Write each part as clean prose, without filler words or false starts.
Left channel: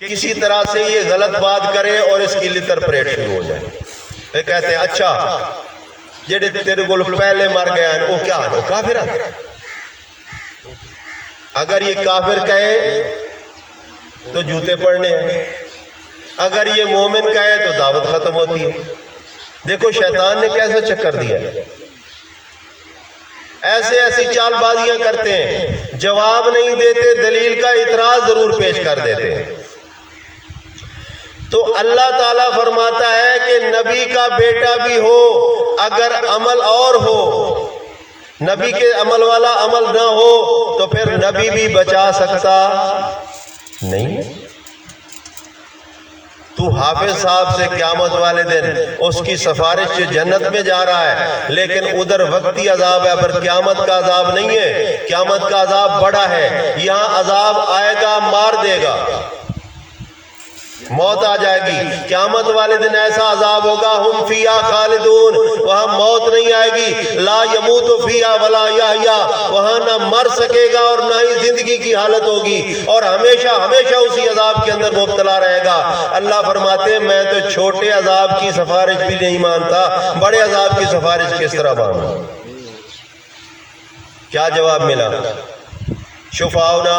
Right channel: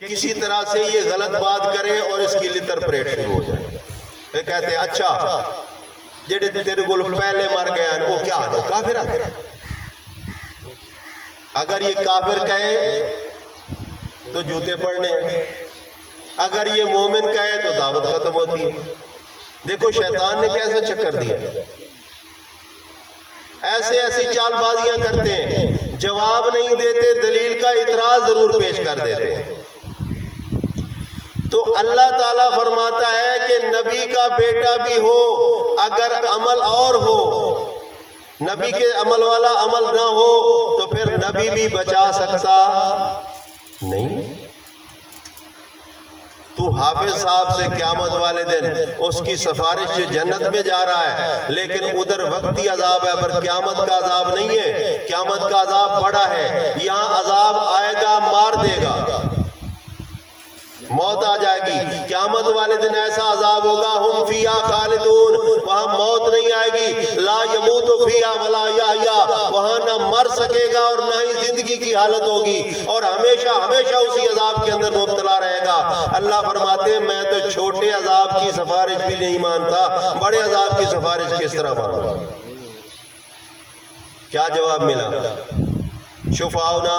کسی طرح سے یہ غلط بات کرے اور اس کی لٹر پریٹ شروع ہو جائے. پھر کہتے ہیں اچھا جڑے تیرے کو پہلے مر گیا ان کو کیا ہے کافر ہے. اگر یہ کافر کہے تو جوتے پڑنے ہیں، اگر یہ مومن کہے تو دعوت ختم ہوتی ہے. دیکھو شیطان نے کیسا چکر دیا، ایسی چال بازیاں کرتے ہیں، جواب نہیں دیتے، دلیل کا اعتراض ضرور پیش کر دیتے ہیں. تو اللہ تعالیٰ فرماتا ہے کہ نبی کا بیٹا بھی ہو اگر عمل اور ہو، نبی کے عمل والا عمل نہ ہو تو پھر نبی بھی بچا سکتا نہیں. تو حافظ صاحب سے قیامت والے دن اس کی سفارش سے جنت میں جا رہا ہے، لیکن ادھر وقتی عذاب ہے، پھر قیامت کا عذاب نہیں ہے. قیامت کا عذاب بڑا ہے. یہاں عذاب آئے گا، مار دے گا، موت آ جائے گی. قیامت والے دن ایسا عذاب ہوگا ہم فیہا خالدون، وہاں موت نہیں آئے گی. لا یموت فیہا ولا یحیا، وہاں نہ مر سکے گا اور نہ ہی زندگی کی حالت ہوگی، اور ہمیشہ ہمیشہ اسی عذاب کے اندر مبتلا رہے گا. اللہ فرماتے ہیں میں تو چھوٹے عذاب کی سفارش بھی نہیں مانتا، بڑے عذاب کی سفارش کس طرح مانوں. کیا جواب ملا؟ شفاؤنا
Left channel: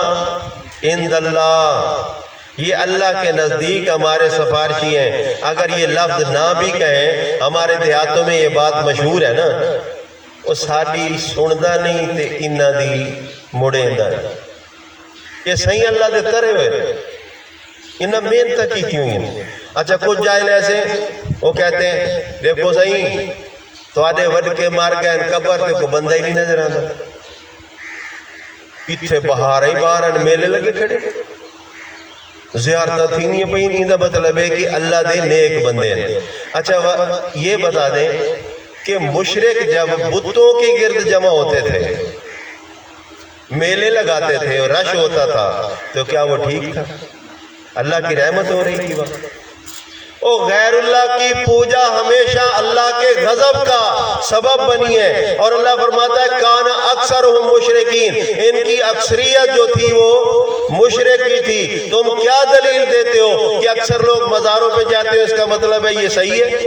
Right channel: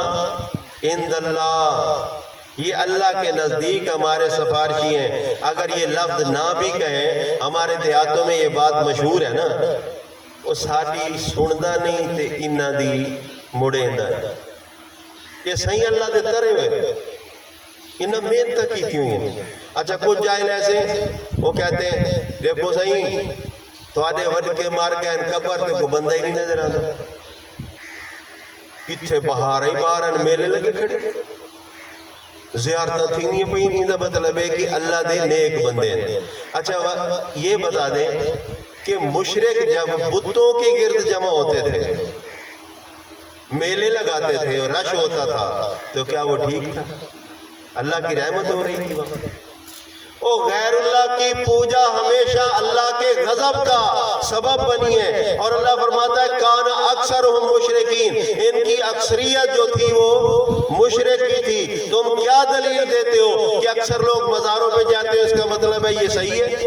عند اللہ، یہ اللہ کے نزدیک ہمارے سفارشی ہیں. اگر یہ لفظ نہ بھی کہیں، ہمارے دیہاتوں میں یہ بات مشہور ہے نا، وہ ساڈی سندا نہیں تے انہاں دی مڑیندا. یہ صحیح اللہ دے ترے ہوئے، انہاں محنت کی کیوں ہیں. اچھا کچھ جاہل ایسے وہ کہتے ہیں دیکھو صحیح تواڈے وڈ کے مار گئے قبر تے کوئی بندہ ہی نہیں نظر آندا، اتھے بہار ہی باہر میلے لگے کھڑے، زیارتہ تھی نہیں پہی نہیں. دا مطلب ہے کہ اللہ دے نیک بندے ہیں. اچھا یہ بتا دیں کہ مشرک جب بتوں کے گرد جمع ہوتے تھے، میلے لگاتے تھے اور رش ہوتا تھا، تو کیا وہ ٹھیک تھا؟ اللہ کی رحمت ہو رہی تھی وقت. او غیر اللہ کی پوجا ہمیشہ اللہ کے غضب کا سبب بنی ہے. اور اللہ فرماتا ہے کانا اکثرہم مشرکین، ان کی اکثریت جو تھی وہ مشرک ہی تھی. تم کیا دلیل دیتے ہو کہ اکثر لوگ مزاروں پہ جاتے ہیں، اس کا مطلب ہے یہ صحیح ہے؟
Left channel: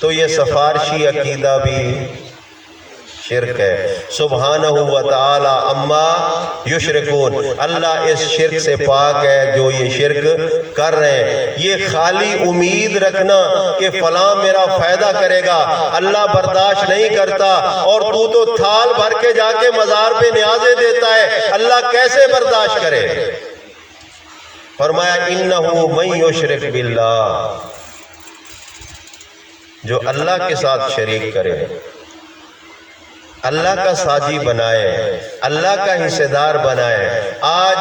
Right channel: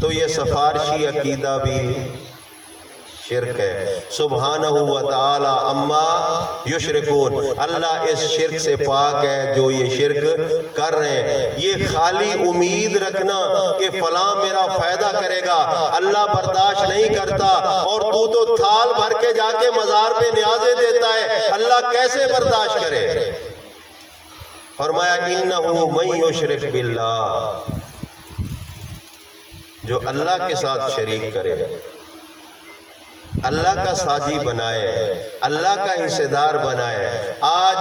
تو یہ سفارشی عقیدہ بھی شرک ہے. سبحانہ وتعالی اما یشرکون، اللہ اس شرک سے پاک ہے جو یہ شرک کر رہے ہیں. یہ خالی امید رکھنا کہ فلاں میرا فائدہ کرے گا، اللہ برداشت نہیں کرتا. اور تو تھال بھر کے جا کے مزار پہ نیازیں دیتا ہے، اللہ کیسے برداشت کرے؟ فرمایا انہو من یشرک باللہ، جو اللہ کے ساتھ شریک کرے، اللہ کا ساجی بنائے، اللہ کا حصہ دار بنائے. آج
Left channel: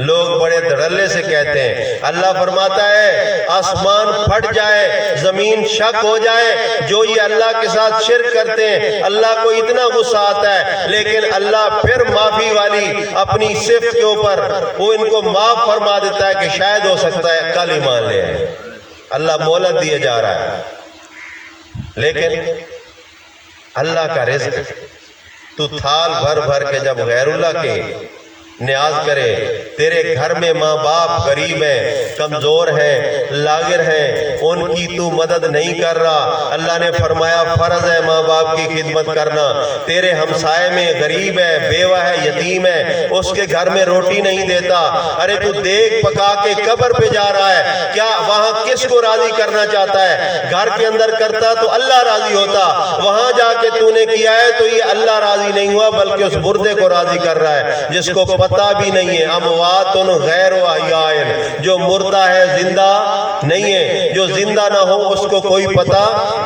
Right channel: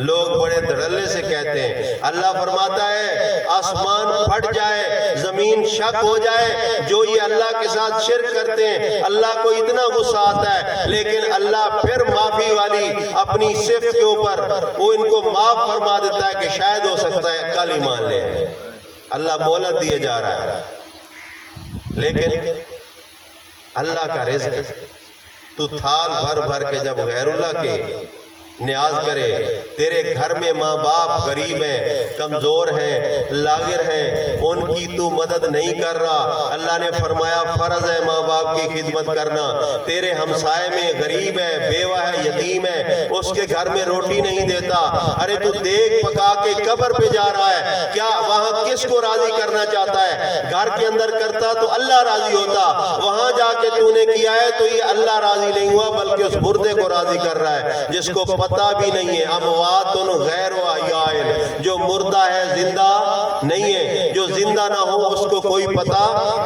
لوگ بڑے دھڑلے سے کہتے ہیں، اللہ فرماتا ہے آسمان پھٹ جائے، زمین شک ہو جائے، جو یہ اللہ کے ساتھ شرک کرتے ہیں اللہ کو اتنا غصہ آتا ہے، لیکن اللہ پھر معافی والی اپنی صفت کے اوپر وہ ان کو معاف فرما دیتا ہے کہ شاید ہو سکتا ہے کل ایمان لے آئے. اللہ مہلت دیے جا رہا ہے. لیکن اللہ کا رزق تو تھال بھر بھر کے جب غیر اللہ کے نیاز کرے، تیرے گھر میں ماں باپ غریب ہیں، کمزور ہیں، لاغر ہیں، ان کی تو مدد نہیں کر رہا. اللہ نے فرمایا فرض ہے ماں باپ کی خدمت کرنا. تیرے ہمسائے میں غریب ہے، بیوہ ہے، یتیم ہے، اس کے گھر میں روٹی نہیں دیتا. ارے تو دیکھ پکا کے قبر پہ جا رہا ہے، کیا وہاں کس کو راضی کرنا چاہتا ہے؟ گھر کے اندر کرتا تو اللہ راضی ہوتا، وہاں جا کے تو نے کیا ہے تو یہ اللہ راضی نہیں ہوا بلکہ اس مردے کو راضی کر رہا ہے جس کو پتہ بھی نہیں ہے. اموات غیر احیاء، جو مردہ ہے زندہ نہیں ہے، جو زندہ نہ ہو اس کو کوئی پتہ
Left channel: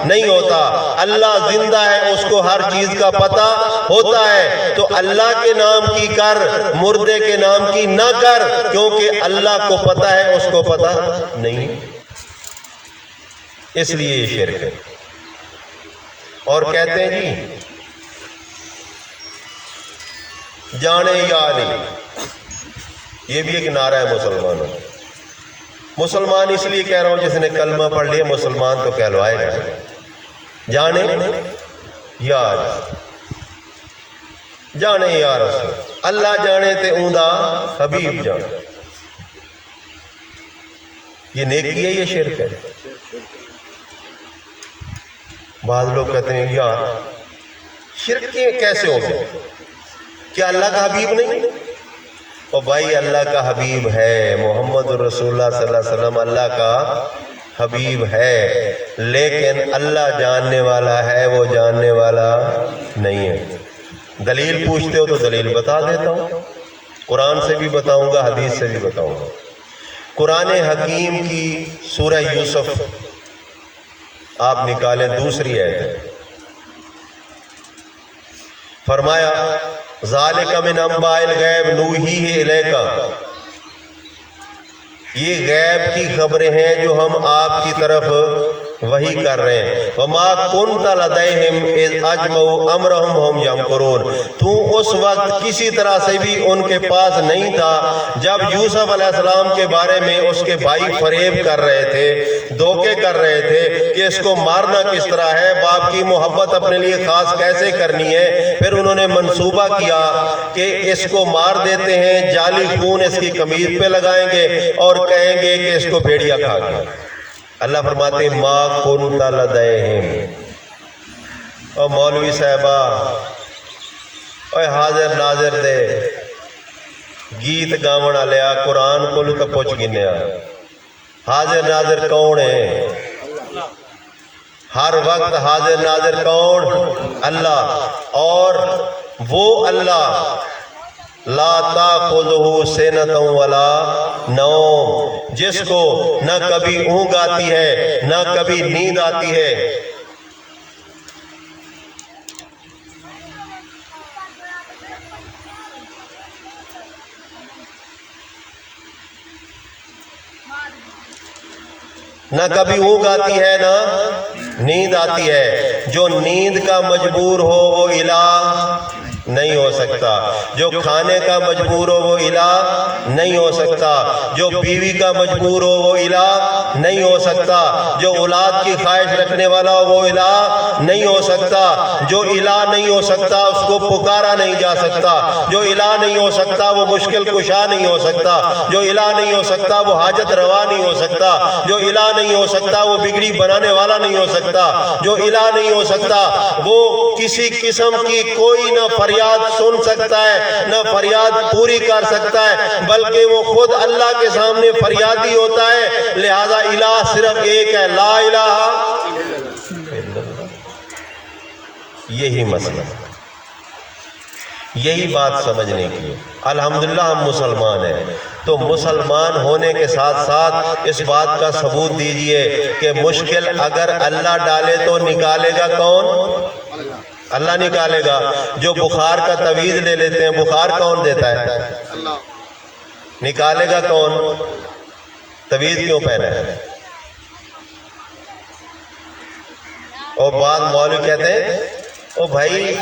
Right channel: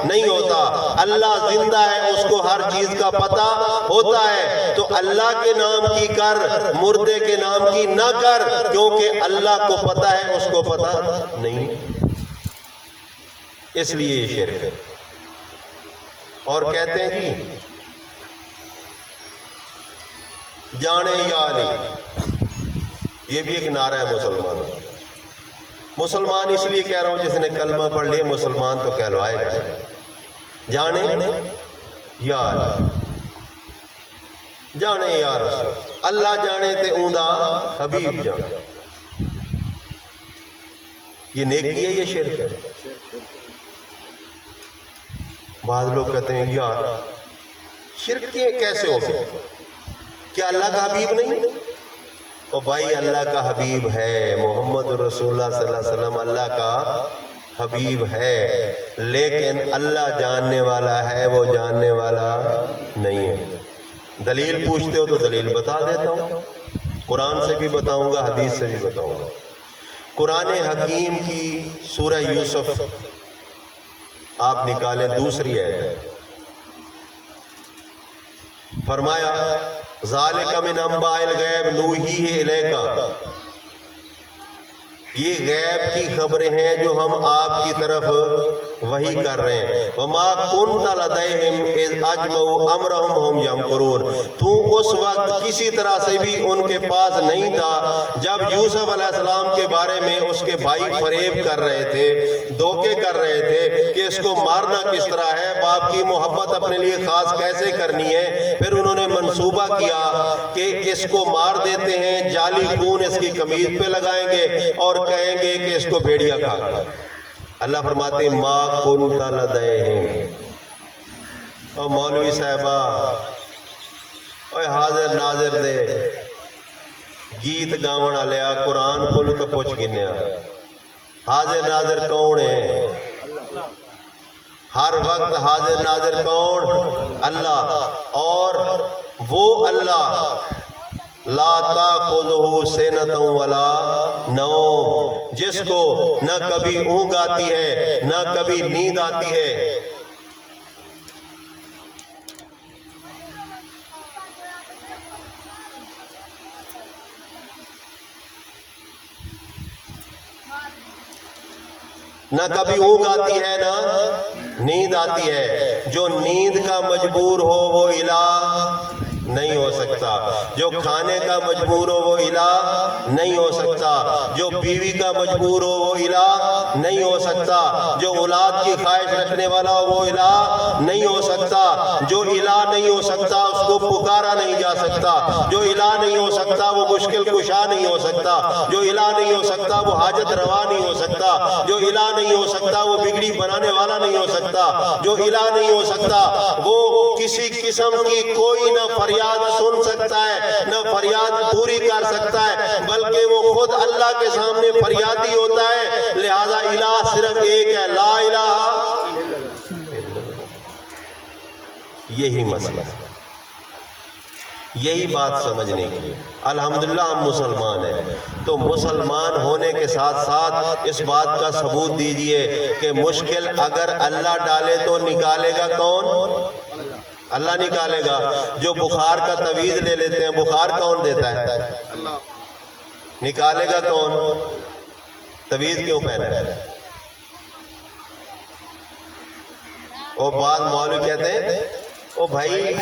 نہیں ہوتا. اللہ زندہ ہے، اس کو ہر چیز کا پتہ ہوتا ہے. تو اللہ کے نام کی کر، مردے کے نام کی نہ کر، کیونکہ اللہ کو پتہ ہے اس کو پتہ نہیں، اس لیے یہ شرک ہے. اور کہتے ہیں جی جانے یا علی، یہ بھی ایک نعرہ ہے مسلمان. مسلمان اس لیے کہہ رہا ہوں جس نے کلمہ پڑھ لیا مسلمان تو کہلوائے گا. جانے یا علی، جانے یا رسول اللہ جانے تے اوندا حبیب جانے. یہ نیکی ہے یہ شرک ہے؟ بعض لوگ کہتے ہیں یار شرک کیسے ہو گیا؟ کیا اللہ کا حبیب نہیں؟ اور بھائی اللہ کا حبیب ہے، محمد رسول اللہ صلی اللہ علیہ وسلم اللہ کا حبیب ہے، لیکن اللہ جاننے والا ہے، وہ جاننے والا نہیں ہے. دلیل پوچھتے ہو تو دلیل بتا دیتا ہوں، قرآن سے بھی بتاؤں گا، حدیث سے بھی بتاؤں گا. قرآن حکیم کی سورہ یوسف آپ نکالیں، دوسری آیت، فرمایا ذالک من انباء الغیب نوحیہ الیک، یہ غیب کی خبریں ہیں جو ہم آپ کی طرف وحی کر رہے ہیں. وما کنت لدیہم اذ اجمعوا امرہم وہم یمکرون، تو اس وقت کسی طرح سے بھی ان کے پاس نہیں تھا جب یوسف علیہ السلام کے بارے میں اس کے بھائی فریب کر رہے تھے، دھوکے کر رہے تھے کہ اس کو مارنا کس طرح ہے، باپ کی محبت اپنے لیے خاص کیسے کرنی ہے. پھر انہوں نے منصوبہ کیا کہ اس کو مار دیتے ہیں، جعلی خون اس کی قمیض پہ لگائیں گے اور کہیں گے کہ اس کو بھیڑیا کھا گیا. اللہ فرماتے ہیں ما کنت لدیہم. اور مولوی صاحبہ اے حاضر ناظر دے گیت گاون والیا قرآن کو تو پوچھ گنیا، حاضر ناظر کون ہے؟ ہر وقت حاضر ناظر کون؟ اللہ. اور وہ اللہ لا تاخذہ سنۃ ولا نوم، جس کو نہ کبھی اونگ آتی ہے نہ کبھی نیند آتی ہے. نہ کبھی اونگ آتی ہے نہ نیند آتی ہے. جو نیند کا مجبور ہو وہ الہ نہیں ہو سکتا، جو کھانے کا مجبور ہو وہ الہ نہیں ہو سکتا، جو بیوی کا مجبور ہو وہ الہ نہیں ہو سکتا، جو اولاد کی خواہش رکھنے والا ہو وہ الہ نہیں ہو سکتا. جو الہ نہیں ہو سکتا اس کو پکارا نہیں جا سکتا، جو الہ نہیں ہو سکتا وہ مشکل کشا نہیں ہو سکتا، جو الہ نہیں ہو سکتا وہ حاجت روا نہیں ہو سکتا، جو الہ نہیں ہو سکتا وہ بگڑی بنانے والا نہیں ہو سکتا، جو الہ نہیں ہو سکتا وہ کسی قسم کی کوئی نہ فریاد سن سکتا ہے نہ فریاد پوری کر سکتا ہے، بلکہ وہ خود اللہ کے سامنے فریادی ہوتا ہے. لہذا الہ صرف ایک ہے، لا الہ. یہی مسئلہ، یہی بات سمجھنے کی. الحمدللہ ہم مسلمان ہیں، تو مسلمان ہونے کے ساتھ ساتھ اس بات کا ثبوت دیجئے کہ مشکل اگر اللہ ڈالے تو نکالے گا کون؟ اللہ نکالے گا. جو بخار کا تعویذ لے لیتے ہیں، بخار کون دیتا ہے؟ نکالے گا کون؟ تعویذ کیوں پہنا ہے؟ اور بعض مولوی کہتے ہیں او بھائی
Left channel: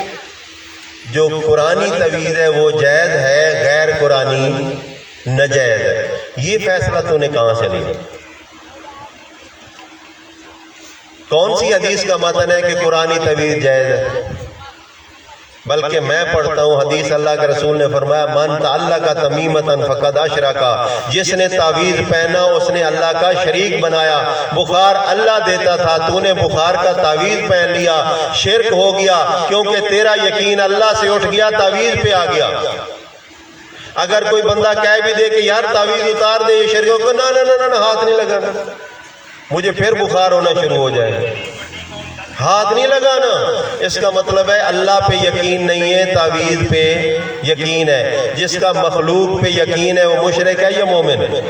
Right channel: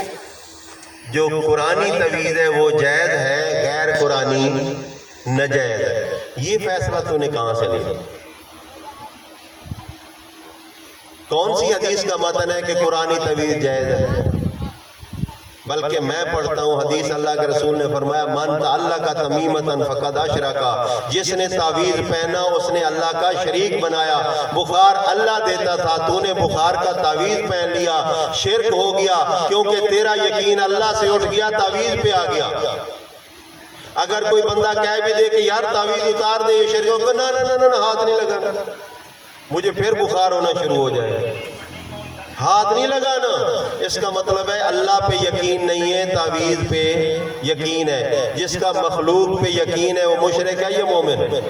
جو قرآنی تعویذ ہے وہ جائز ہے، غیر قرآنی ناجائز ہے. یہ فیصلہ تو نے کہاں سے لیا؟ کون سی حدیث کا متن ہے کہ قرآنی تعویذ جائز ہے؟ بلکہ میں پڑھتا ہوں حدیث، اللہ کے رسول نے فرمایا من تعلق تمیمۃ فقد اشرک، جس نے تعویذ پہنا اس نے اللہ کا شریک بنایا. بخار اللہ دیتا تھا، تو نے بخار کا تعویذ پہن لیا، شرک ہو گیا، کیونکہ تیرا یقین اللہ سے اٹھ گیا، تعویذ پہ آ گیا. اگر کوئی بندہ کہہ بھی دے کہ یار تعویذ اتار دے، یہ شرک ہوگا، نہ ہاتھ نہیں لگانا، مجھے پھر بخار ہونا شروع ہو جائے، ہاتھ نہیں لگانا. اس کا مطلب ہے اللہ پہ یقین نہیں ہے، تعویذ پہ یقین ہے. جس کا مخلوق پہ یقین ہے وہ مشرک ہے یا مومن ہے؟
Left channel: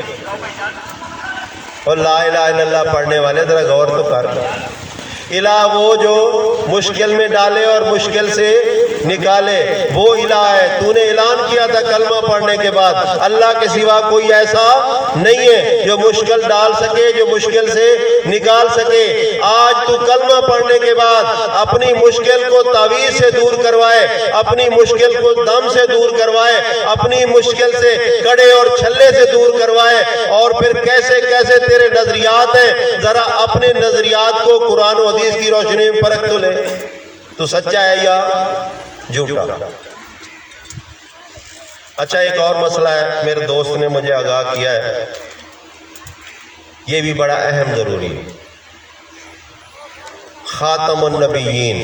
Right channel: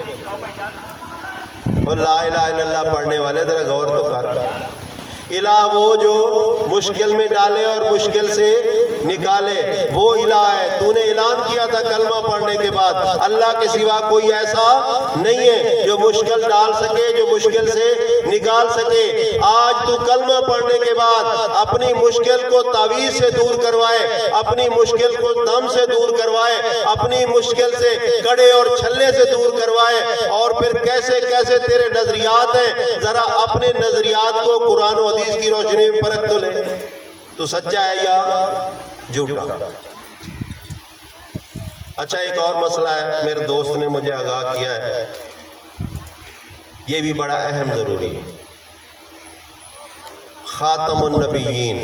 اور لا الہ الا اللہ پڑھنے والے ذرا غور تو کر. الہ وہ جو مشکل میں ڈالے اور مشکل سے نکالے، وہ الہ ہے. تو نے اعلان کیا تھا کلمہ پڑھنے کے بعد اللہ کے سوا کوئی ایسا نہیں ہے جو مشکل ڈال سکے، جو مشکل سے نکال سکے. آج تو کلمہ پڑھنے کے بعد اپنی مشکل کو تعویذ سے دور کروائے، اپنی مشکل کو دم سے دور کروائے، اپنی مشکل سے کڑے اور چھلے سے دور کروائے، اور پھر کیسے کیسے تیرے نظریات ہیں، ذرا اپنے نظریات کو قرآن و حدیث کی روشنی میں پرکھ تو لے. تو سچا ہے یا جھوٹا؟ اچھا ایک اور مسئلہ ہے، میرے دوست نے مجھے آگاہ کیا ہے، یہ بھی بڑا اہم ضروری ہے۔ خاتم النبیین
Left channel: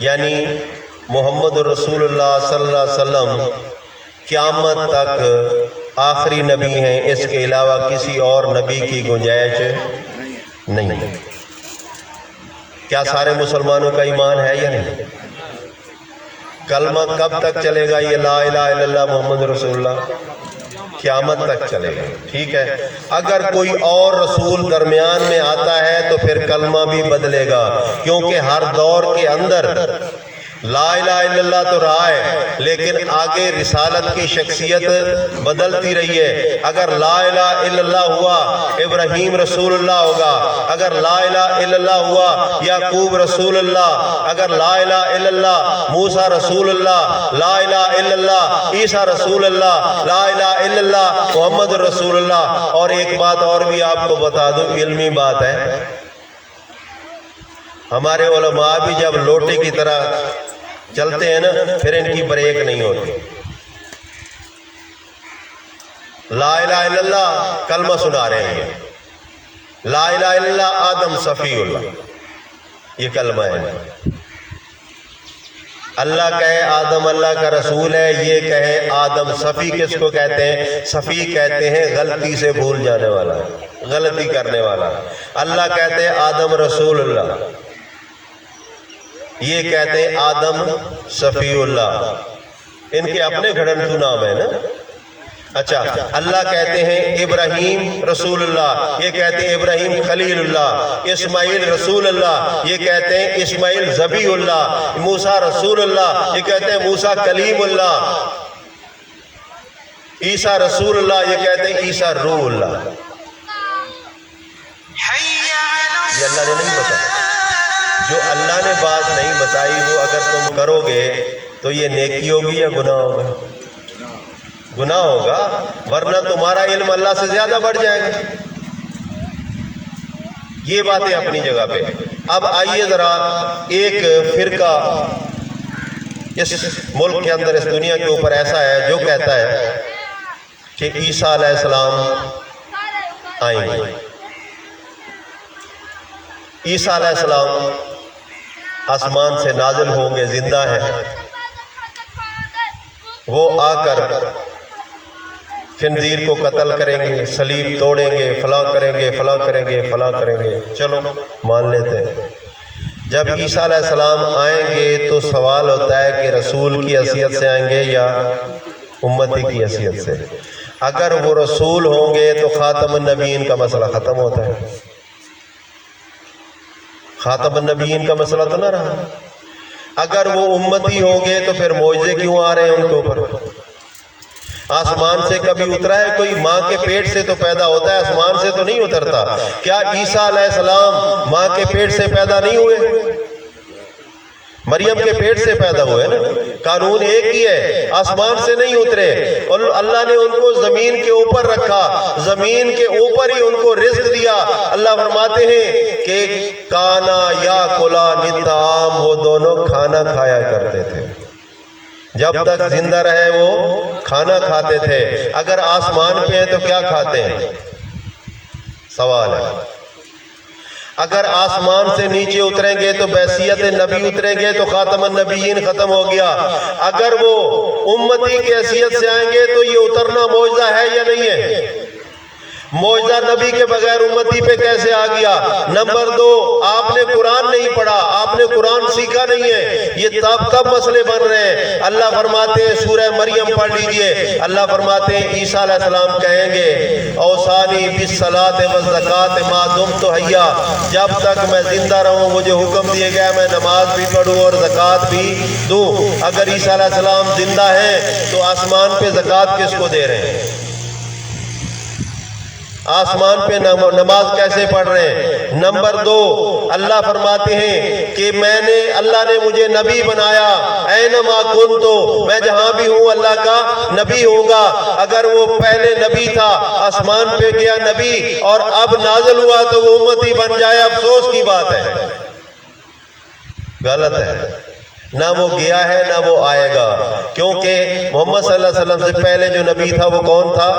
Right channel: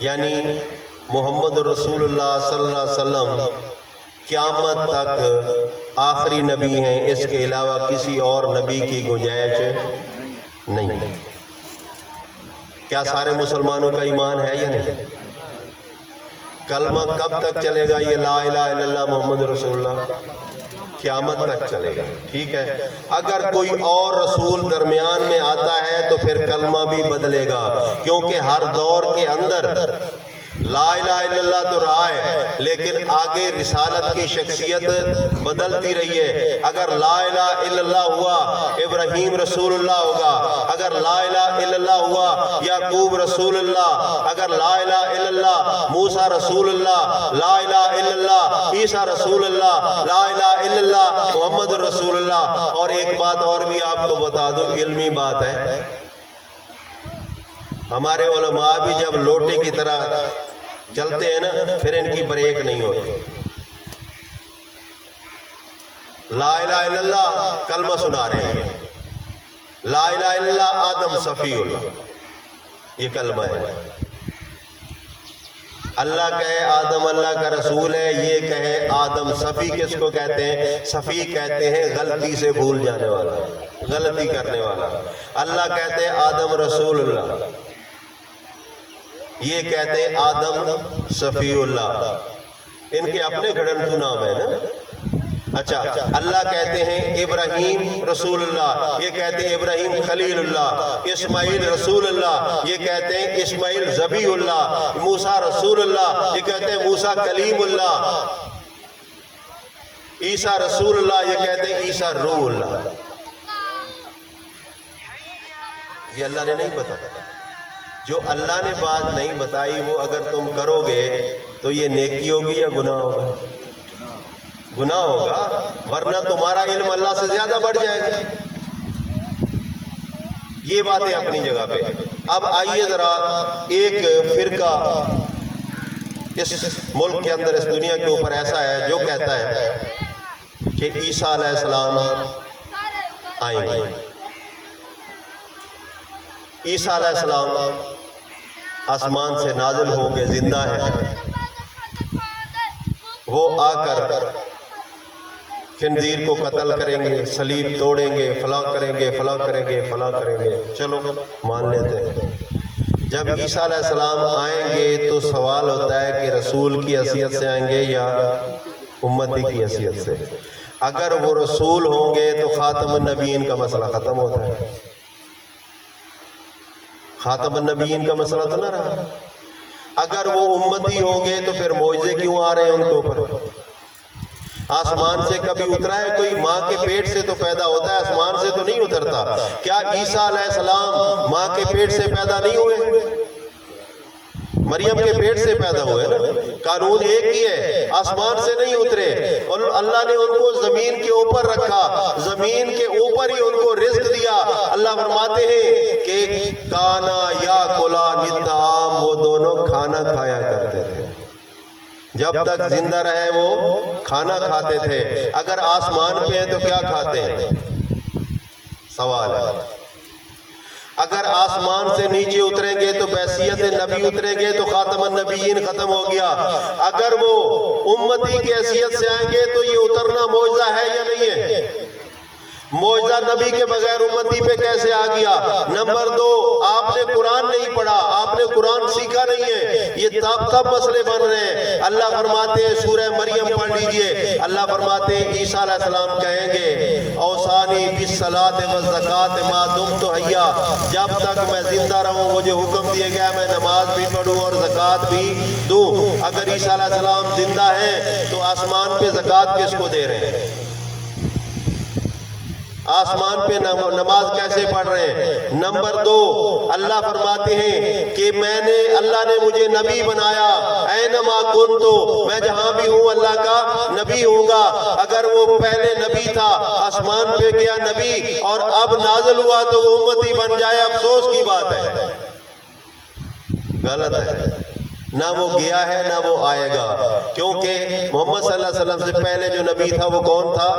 یعنی محمد رسول اللہ صلی اللہ علیہ وسلم قیامت تک آخری نبی ہیں، اس کے علاوہ کسی اور نبی کی گنجائش نہیں۔ کیا سارے مسلمانوں کا ایمان ہے یا نہیں؟ کلمہ کب تک چلے گا یہ لا الہ الا اللہ محمد رسول اللہ؟ قیامت تک چلے گا، ٹھیک ہے۔ اگر کوئی اور رسول درمیان میں آتا ہے تو پھر کلمہ بھی بدلے گا، کیونکہ ہر دور کے اندر لا الہ الا اللہ تو رہا ہے، لیکن آگے رسالت کی شخصیت بدلتی رہی ہے۔ اگر لا الہ الا اللہ ہوا ابراہیم رسول اللہ ہوگا، اگر لا الہ الا اللہ ہوا یعقوب رسول اللہ، اگر لا الہ الا اللہ موسیٰ رسول اللہ، لا الہ الا اللہ عیسیٰ رسول اللہ، لا الہ الا اللہ محمد رسول اللہ۔ اور ایک بات اور بھی آپ کو بتا دوں، علمی بات ہے، ہمارے علماء بھی جب لوٹے کی طرح چلتے ہیں نا، پھر ان کی بریک نہیں ہوتی۔ لا الہ الا اللہ کلمہ سنا رہے ہیں، لا الہ الا اللہ آدم صفی اللہ، یہ کلمہ ہے۔ اللہ کہے آدم اللہ کا رسول ہے، یہ کہے آدم صفی کس کو کہتے ہیں؟ صفی کہتے ہیں غلطی سے بھول جانے والا، غلطی کرنے والا۔ اللہ کہتے ہیں آدم رسول اللہ، یہ کہتے ہیں آدم صفی اللہ، ان کے اپنے گھڑنٹو نام ہے نا۔ اچھا اللہ کہتے ہیں ابراہیم رسول اللہ، یہ کہتے ہیں ابراہیم خلیل اللہ، اسماعیل رسول اللہ، یہ کہتے ہیں اسماعیل ذبیح اللہ، موسیٰ رسول اللہ، یہ کہتے ہیں موسیٰ کلیم اللہ، عیسیٰ رسول اللہ، یہ کہتے ہیں عیسیٰ روح اللہ۔ یہ اللہ نے نہیں بتایا، جو اللہ نے بات نہیں بتائی وہ اگر تم کرو گے تو یہ نیکی ہوگی یا گناہ ہوگا؟ گناہ ہوگا، ورنہ تمہارا علم اللہ سے زیادہ بڑھ جائے گا۔ یہ باتیں اپنی جگہ پہ۔ اب آئیے ذرا ایک فرقہ اس ملک کے اندر، اس دنیا کے اوپر ایسا ہے جو کہتا ہے کہ عیسیٰ علیہ السلام آئیں گے، عیسیٰ علیہ السلام آسمان سے نازل ہوں گے، زندہ ہے، وہ آ کر خنزیر کو قتل کریں گے، صلیب توڑیں گے، فلاں کریں گے، فلاں کریں گے، فلاں کریں گے۔ چلو مان لیتے ہیں۔ جب عیسیٰ علیہ السلام آئیں گے تو سوال ہوتا ہے کہ رسول کی حیثیت سے آئیں گے یا امتی کی حیثیت سے؟ اگر وہ رسول ہوں گے تو خاتم النبیین کا مسئلہ ختم ہوتا ہے، خاتم النبیین کا مسئلہ تو نہ رہا۔ اگر وہ امتی ہوں گے تو پھر معجزے کیوں آ رہے ہیں ان کے اوپر؟ آسمان سے کبھی اترا ہے کوئی؟ ماں کے پیٹ سے تو پیدا ہوتا ہے، آسمان سے تو نہیں اترتا۔ کیا عیسیٰ علیہ السلام ماں کے پیٹ سے پیدا نہیں ہوئے؟ مریم کے پیٹ سے پیدا ہوئے نا۔ قانون ایک ہی ہے، آسمان سے نہیں اترے، اور اللہ نے ان کو زمین کے اوپر رکھا، زمین کے اوپر ہی ان کو رزق دیا۔ اللہ فرماتے ہیں کہ کانا یا کلا نطعام، وہ دونوں کھانا کھایا کرتے تھے، جب تک زندہ رہے وہ کھانا کھاتے تھے۔ اگر آسمان پہ ہیں تو کیا کھاتے ہیں؟ سوال ہے۔ اگر آسمان سے نیچے اتریں گے تو بحیثیت نبی اتریں گے تو خاتم النبیین ختم ہو گیا۔ اگر وہ امتی کی حیثیت سے آئیں گے تو یہ اترنا معجزہ ہے یا نہیں ہے؟ معجزہ نبی کے بغیر امتی پہ کیسے آ گیا؟ نمبر دو، آپ نے قرآن نہیں پڑھا، آپ نے قرآن سیکھا نہیں ہے، یہ تب مسئلے بن رہے ہیں۔ اللہ فرماتے ہیں، سورہ مریم پڑھ لیجئے، اللہ فرماتے ہیں عیسیٰ علیہ السلام کہیں گے اوصانی بالصلاۃ والزکاۃ ما دمت حیا، جب تک میں زندہ رہوں مجھے حکم دیے گیا میں نماز بھی پڑھوں اور زکوٰۃ بھی دوں۔ اگر عیسیٰ علیہ السلام زندہ ہیں تو آسمان پہ زکوٰۃ کس کو دے رہے ہیں؟ آسمان پہ نماز کیسے پڑھ رہے ہیں؟ نمبر دو، اللہ فرماتے ہیں کہ اللہ نے مجھے نبی بنایا، اینما کنتو، میں جہاں بھی ہوں اللہ کا نبی ہوں گا۔ اگر وہ پہلے نبی تھا، آسمان پہ گیا نبی اور اب نازل ہوا تو وہ امتی بن جائے، افسوس کی بات ہے، غلط ہے۔ نہ وہ گیا ہے نہ وہ آئے گا، کیونکہ محمد صلی اللہ علیہ وسلم سے پہلے جو نبی تھا وہ کون تھا؟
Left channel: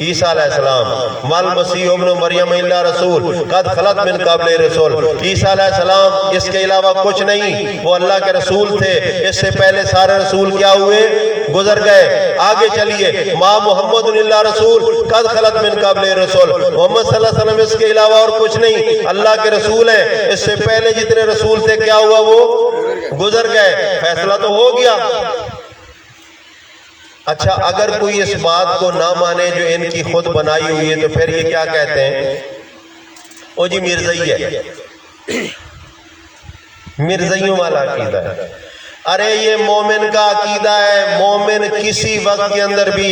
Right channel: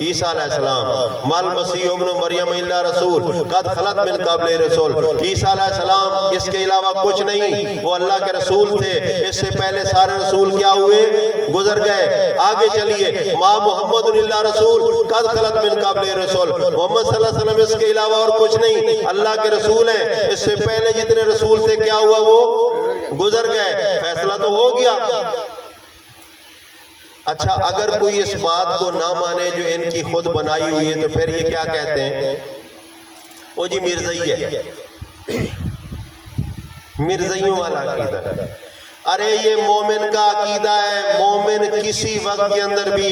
عیسیٰ علیہ السلام۔ مال مسیح ابن مریم الا رسول قد خلت من قبل رسول، عیسیٰ علیہ السلام اس کے علاوہ کچھ نہیں، وہ اللہ کے رسول تھے، اس سے پہلے سارے رسول کیا ہوئے؟ گزر گئے۔ آگے چلیے، ما محمد الا رسول قد خلت من قبل رسول، محمد صلی اللہ علیہ وسلم اس کے علاوہ اور کچھ نہیں، اللہ کے رسول ہیں، اس سے پہلے جتنے رسول تھے کیا ہوا؟ وہ گزر گئے۔ فیصلہ تو ہو گیا۔ اچھا، اگر کوئی اس بات کو نہ مانے جو ان کی خود بنائی ہوئی ہے تو پھر یہ کیا کہتے ہیں؟ او جی مرزائی ہے، مرزائیوں والا عقیدہ ہے۔ ارے یہ مومن کا عقیدہ ہے، مومن کسی وقت کے اندر بھی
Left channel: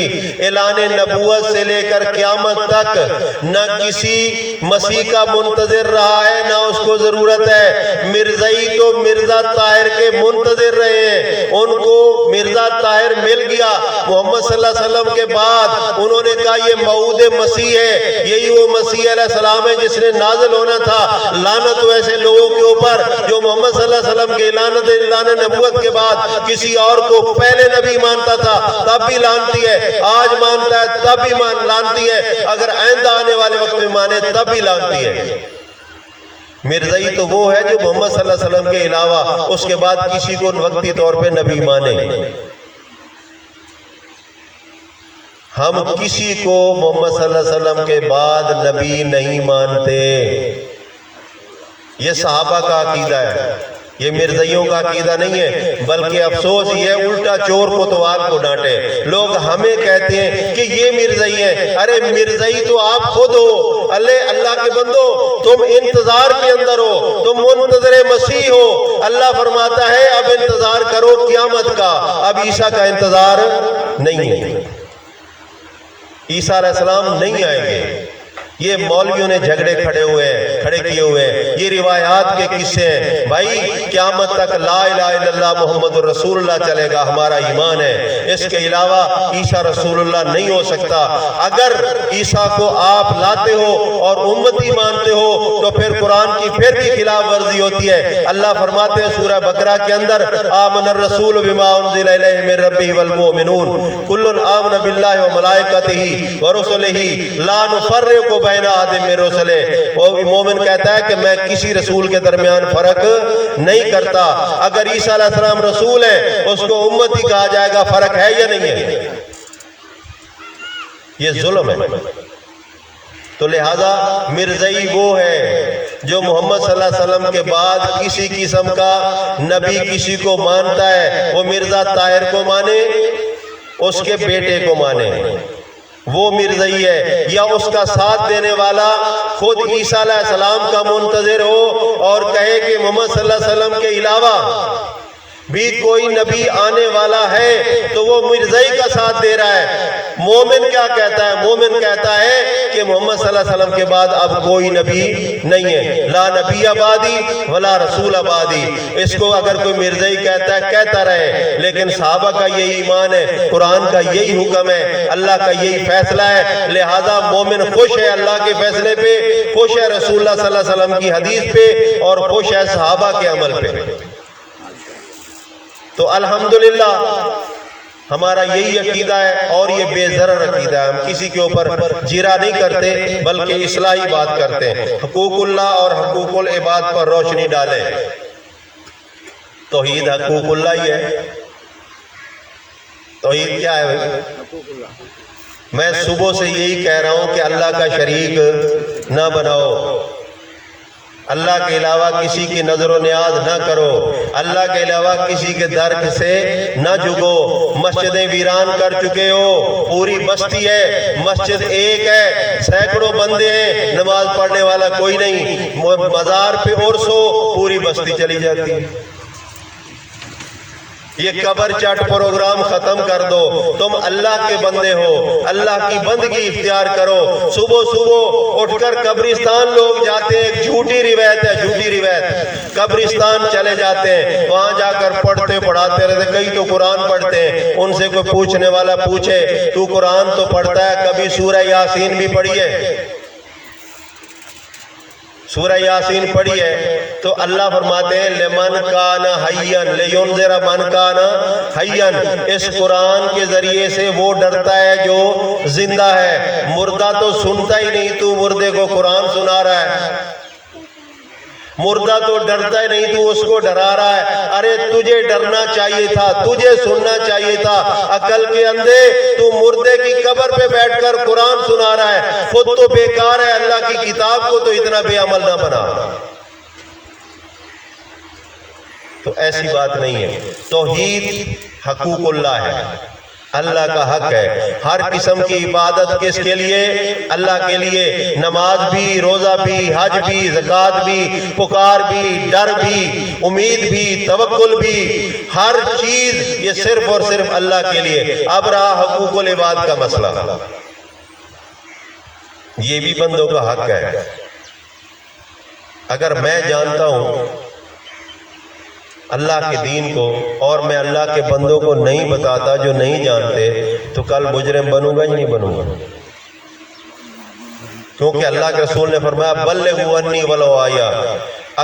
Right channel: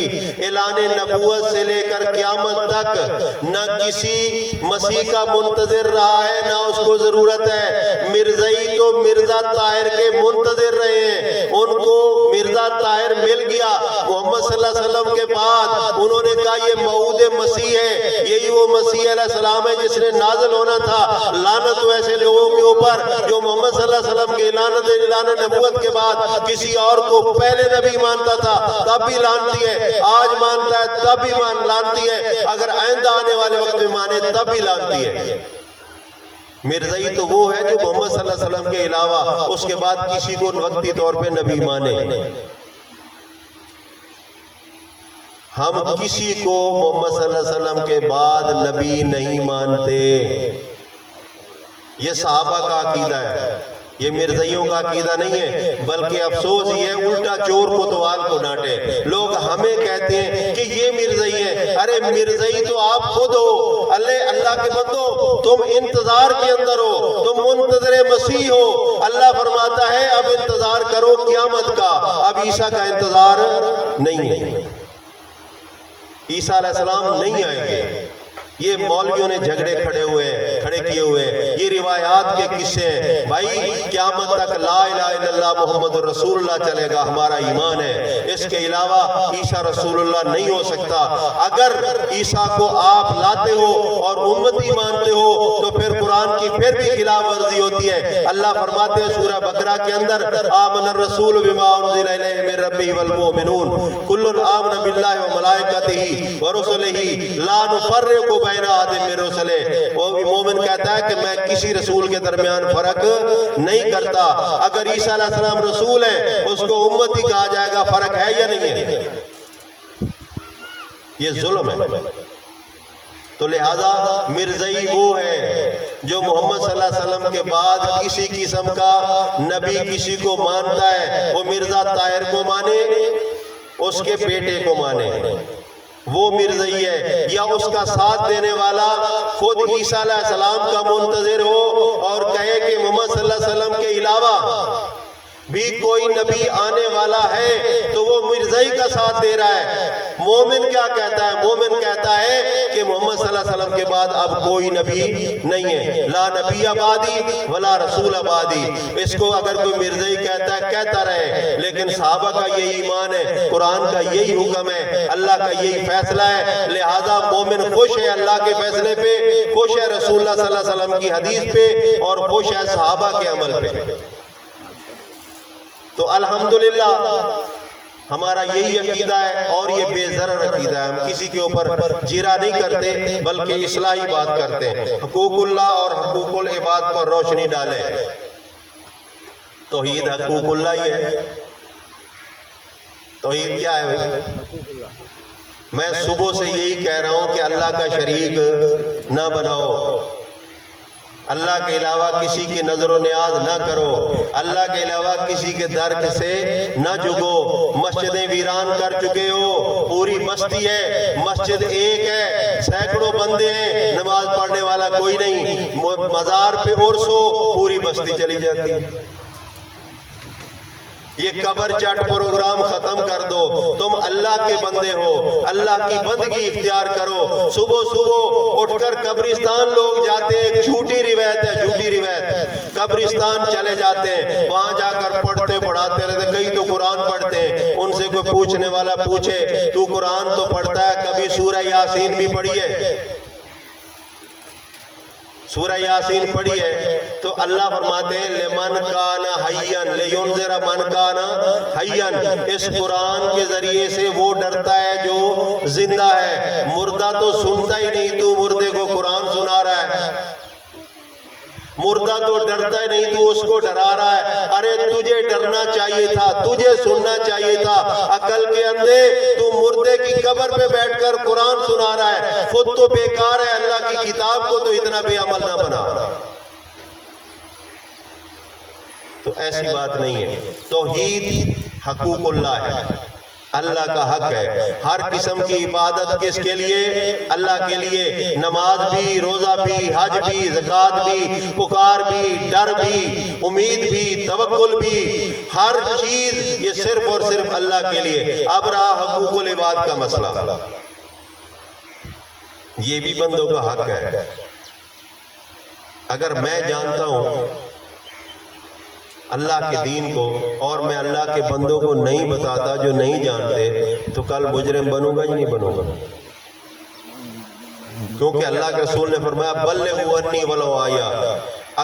اعلان نبوت سے لے کر قیامت تک نہ کسی مسیح کا منتظر رہا ہے نہ اس کو ضرورت ہے۔ مرزائی تو مرزا طاہر کے منتظر رہے ہیں، ان کو مرزا طاہر مل گیا محمد صلی اللہ علیہ وسلم کے بعد، انہوں نے کہا یہ موعود مسیح ہے، یہی وہ مسیح علیہ السلام ہے جس نے نازل ہونا تھا۔ لعنت ویسے لوگوں کے اوپر جو محمد صلی اللہ علیہ وسلم کے اعلان نبوت کے بعد کسی اور کو پہلے نبی مانتا تھا تب بھی لعنتی ہے، آج مانتا ہے تب بھی لعنتی ہے، اگر آئندہ آنے والے وقت میں مانے تب بھی لعنتی ہے۔ مرزائی تو وہ ہے جو محمد صلی اللہ علیہ وسلم کے علاوہ اس کے بعد کسی کو وقتی طور پہ نبی مانے۔ ہم کسی کو محمد صلی اللہ علیہ وسلم کے بعد نبی نہیں مانتے، یہ صحابہ کا عقیدہ ہے، یہ مرزائیوں کا عقیدہ نہیں ہے۔ بلکہ افسوس یہ الٹا چور کوتوال کو ڈانٹے، لوگ ہمیں کہتے ہیں کہ یہ مرزائی ہیں۔ ارے مرزائی تو آپ خود ہو، اللہ کے بندو، تم انتظار کے اندر ہو، تم منتظر مسیح ہو۔ اللہ فرماتا ہے اب انتظار کرو قیامت کا، اب عیسیٰ کا انتظار نہیں ہے، عیسیٰ علیہ السلام نہیں آئیں گے۔ یہ مولویوں نے جھگڑے کھڑے کیے ہوئے ہیں، یہ روایات کے قصے ہیں۔ بھائی قیامت تک لا الہ الا اللہ محمد رسول اللہ چلے گا، ہمارا ایمان ہے، اس کے علاوہ عیسیٰ رسول اللہ نہیں ہو سکتا۔ اگر عیسیٰ کو آپ لاتے ہو اور امتی مانتے ہو تو پھر قرآن کی پھر بھی خلاف ورزی ہوتی ہے۔ اللہ فرماتے ہیں سورہ بقرہ کے اندر، آمن الرسول بما انزل الیہ من ربہ والمؤمنون کل آمن باللہ وملائکتہ ورسلہ لا نفرق بین احد من رسلہ۔ وہ مومن کہتا ہے کہ میں کسی رسول کے درمیان فرق نہیں کرتا۔ اگر عیسیٰ علیہ السلام رسول ہے اس کو امتی کہا جائے گا، فرق ہے یا نہیں ہے؟ یہ ظلم ہے۔ تو لہذا مرزائی وہ ہے جو محمد صلی اللہ علیہ وسلم کے بعد کسی قسم کا نبی کسی کو مانتا ہے، وہ مرزا طاہر کو مانے، اس کے بیٹے کو مانے، وہ مرزائی ہے۔ یا اس کا ساتھ دینے والا خود عیسیٰ علیہ السلام کا منتظر ہو اور کہے کہ محمد صلی اللہ علیہ وسلم کے علاوہ بھی کوئی نبی آنے والا ہے تو وہ مرزائی کا ساتھ دے رہا ہے۔ مومن کیا کہتا ہے؟ مومن کہتا ہے کہ محمد صلی اللہ علیہ وسلم کے بعد اب کوئی نبی نہیں ہے، لا نبی آبادی ولا رسول آبادی۔ اس کو اگر کوئی مرزائی کہتا ہے کہتا رہے، لیکن صحابہ کا یہی ایمان ہے، قرآن کا یہی حکم ہے، اللہ کا یہی فیصلہ ہے۔ لہذا مومن خوش ہے اللہ کے فیصلے پہ، خوش ہے رسول اللہ صلی اللہ علیہ وسلم کی حدیث پہ، اور خوش ہے صحابہ کے عمل پہ۔ تو الحمدللہ ہمارا یہی عقیدہ ہے، اور یہ بے ضرر عقیدہ ہے۔ ہم کسی کے اوپر جیرا نہیں کرتے بلکہ اصلاحی بات کرتے ہیں، حقوق اللہ اور حقوق العباد پر روشنی ڈالیں۔ توحید حقوق اللہ ہی ہے۔ توحید کیا ہے بھائی؟ میں صبح سے یہی کہہ رہا ہوں کہ اللہ کا شریک نہ بناؤ، اللہ کے علاوہ کسی کی نظر و نیاز نہ کرو، اللہ کے علاوہ کسی کے درک سے نہ جھکو۔ مسجدیں ویران کر چکے ہو، پوری بستی ہے، مسجد ایک ہے، سینکڑوں بندے ہیں، نماز پڑھنے والا کوئی نہیں، مزار پہ عرس ہو، پوری بستی چلی جاتی ہے۔ یہ قبر چٹ پروگرام ختم کر دو، تم اللہ کے بندے ہو، اللہ کی بندگی اختیار کرو۔ صبح صبح اٹھ کر قبرستان لوگ جاتے ہیں، ایک جھوٹی روایت ہے، جھوٹی روایت، قبرستان چلے جاتے ہیں، وہاں جا کر پڑھتے پڑھاتے رہتے، کئی تو قرآن پڑھتے ہیں، ان سے کوئی پوچھنے والا پوچھے تو قرآن تو پڑھتا ہے، کبھی سورہ یاسین بھی پڑھی ہے؟ سورہ یاسین پڑھی ہے تو اللہ فرماتے ہیں لمن کان حیّن لینذر من کان حیّن، اس قرآن کے ذریعے سے وہ ڈرتا ہے جو زندہ ہے، مردہ تو سنتا ہی نہیں، تو مردے کو قرآن سنا رہا ہے، مردہ تو ڈرتا ہی نہیں، تو اس کو ڈرا رہا ہے۔ ارے تجھے ڈرنا چاہیے تھا، تجھے سننا چاہیے تھا، عقل کے اندھے تو مردے کی قبر پہ بیٹھ کر قرآن سنا رہا ہے، خود تو بیکار ہے، اللہ کی کتاب کو تو اتنا بے عمل نہ بنا۔ تو ایسی بات نہیں ہے، توحید حقوق اللہ ہے، اللہ کا حق ہے، ہر قسم کی عبادت کس کے لیے؟ اللہ کے لیے، نماز بھی، روزہ بھی، حج بھی، زکوٰۃ بھی، پکار بھی، ڈر بھی، امید بھی، توکل بھی، ہر چیز یہ صرف اور صرف اللہ کے لیے۔ اب رہا حقوق العباد کا مسئلہ، یہ بھی بندوں کا حق ہے۔ اگر میں جانتا ہوں اللہ کے دین کو اور میں اللہ کے بندوں کو نہیں بتاتا جو نہیں جانتے، تو کل مجرم بنوں گا ہی نہیں بنوں گا، کیونکہ اللہ کے رسول نے فرمایا بلغوا عنی ولو آیا،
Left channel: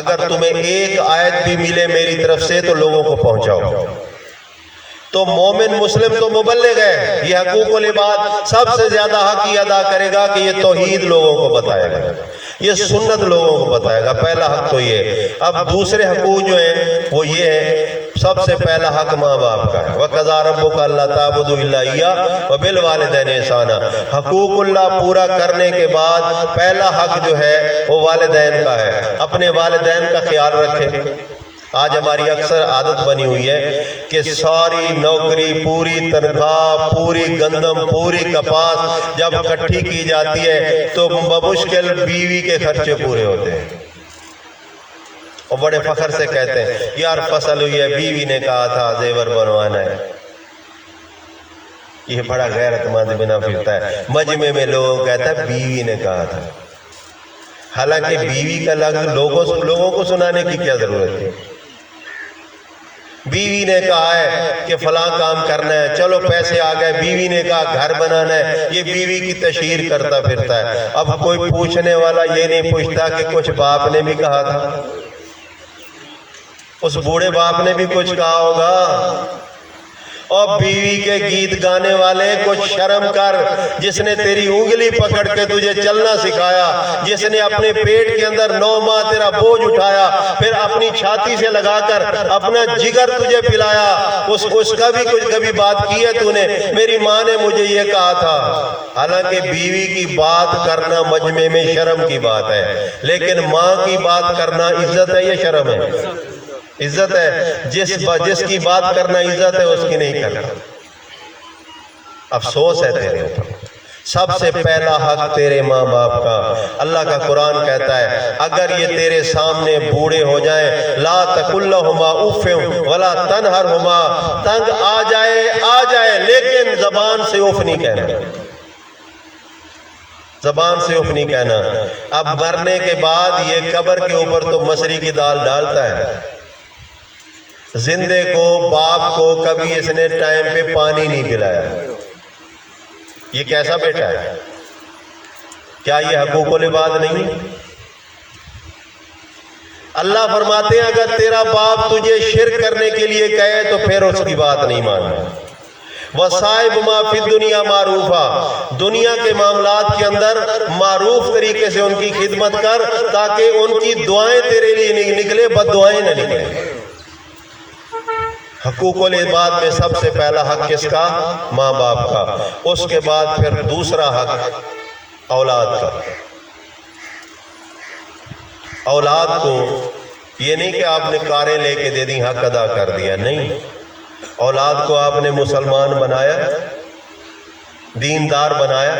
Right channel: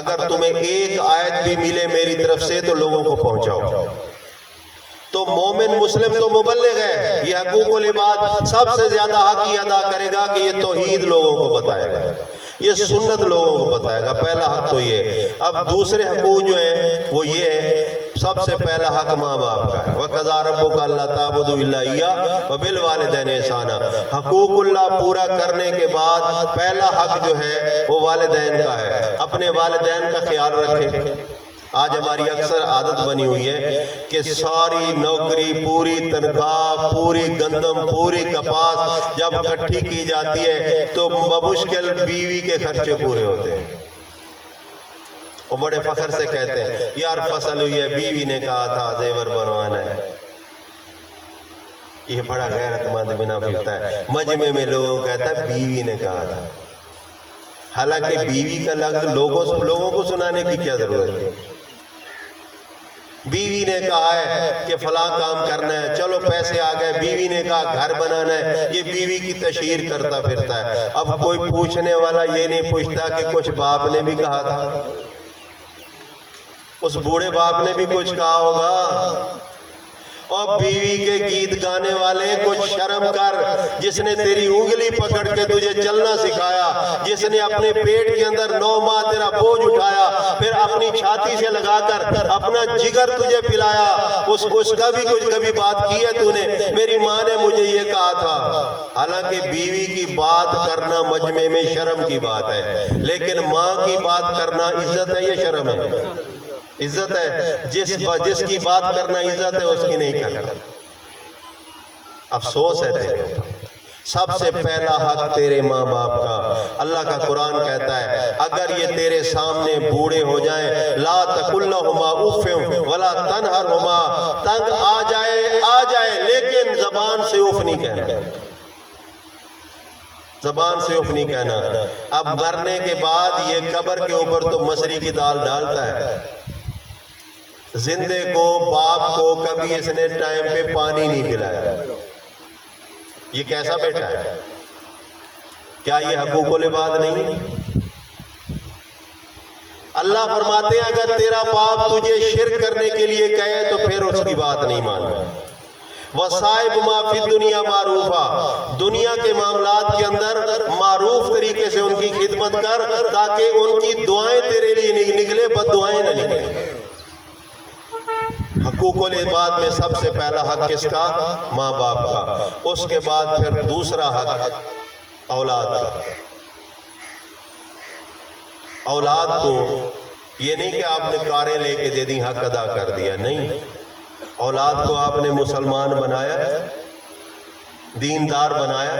اگر تمہیں ایک آیت بھی ملے میری طرف سے تو لوگوں کو پہنچاؤ۔ تو مومن مسلم تو مبلغ ہے، یہ حقوق العباد سب سے زیادہ حق ہی ادا کرے گا کہ یہ توحید لوگوں کو بتائے گا، یہ سنت لوگوں کو بتائے گا، پہلا حق تو یہ۔ اب دوسرے حقوق جو ہیں وہ یہ ہے، سب سے پہلا حق ماں باپ کا ہے، وَقَضَىٰ رَبُّكَ أَلَّا تَعْبُدُوا إِلَّا إِيَّاهُ وَبِالْوَالِدَيْنِ إِحْسَانًا، حقوق اللہ پورا کرنے کے بعد پہلا حق جو ہے وہ والدین کا ہے، اپنے والدین کا خیال رکھیں۔ آج ہماری اکثر عادت بنی ہوئی ہے کہ ساری نوکری، پوری تنخواہ، پوری گندم، پوری کپاس جب اکٹھی کی جاتی ہے تو بمشکل بیوی کے خرچے پورے ہوتے ہیں، اور بڑے فخر سے کہتے ہیں یار فصل ہوئی ہے، بیوی نے کہا تھا زیور بنوانا ہے۔ یہ بڑا غیرت مند بنا پھرتا ہے، مجمع میں لوگ کہتا ہے بیوی نے کہا تھا، حالانکہ بیوی کا لفظ لوگوں کو سنانے کی کیا ضرورت ہے؟ بیوی نے کہا ہے کہ فلاں کام کرنا ہے، چلو پیسے آ گئے، بیوی نے کہا گھر بنانا ہے، یہ بیوی کی تشہیر کرتا پھرتا ہے۔ اب کوئی پوچھنے والا یہ نہیں پوچھتا کہ کچھ باپ نے بھی کہا تھا، اس بوڑھے باپ نے بھی کچھ کہا ہوگا۔ اور بیوی کے گیت گانے والے کچھ شرم کر، جس نے تیری انگلی پکڑ کے تجھے چلنا سکھایا، جس نے اپنے پیٹ کے اندر 9 ماہ تیرا بوجھ اٹھایا، پھر اپنی چھاتی سے لگا کر اپنا جگر تجھے پلایا، اس کا بھی کچھ کبھی بات کی ہے تو نے؟ میری ماں نے مجھے یہ کہا تھا۔ حالانکہ بیوی کی بات کرنا مجمع میں شرم کی بات ہے، لیکن ماں کی بات کرنا عزت ہے یا شرم ہے؟ عزت ہے۔ جس کی بات کرنا عزت ہے اس کی نہیں کرنا۔ افسوس ہے تیرے اوپر۔ سب سے پہلا حق تیرے ماں باپ کا۔ اللہ کا قرآن کہتا ہے اگر یہ تیرے سامنے بوڑھے ہو جائیں، لا تقل لہما اف ولا تنہرہما، تنگ آ جائے لیکن زبان سے اف نہیں کہنا، زبان سے اف نہیں کہنا۔ اب مرنے کے بعد یہ قبر کے اوپر تو مسری کی دال ڈالتا ہے، زندے کو، باپ کو کبھی اس نے ٹائم پہ پانی نہیں پلایا، یہ کیسا بیٹا ہے؟ کیا یہ حقوق العباد نہیں؟ اللہ فرماتے ہیں اگر تیرا باپ تجھے شرک کرنے کے لیے کہے تو پھر اس کی بات نہیں ماننا۔ وَصَائِبُ مَا فِي الدُّنْيَا مَعْرُوفًا، دنیا کے معاملات کے اندر معروف طریقے سے ان کی خدمت کر تاکہ ان کی دعائیں تیرے لیے نہیں نکلے، بد دعائیں نہ نکلیں۔ حقوق العباد میں سب سے پہلا حق کس کا؟ ماں باپ کا۔ اس کے بعد پھر دوسرا حق اولاد کا۔ اولاد کو یہ نہیں کہ آپ نے کاریں لے کے دے دی حق ادا کر دیا، نہیں، اولاد کو آپ نے مسلمان بنایا، دیندار بنایا،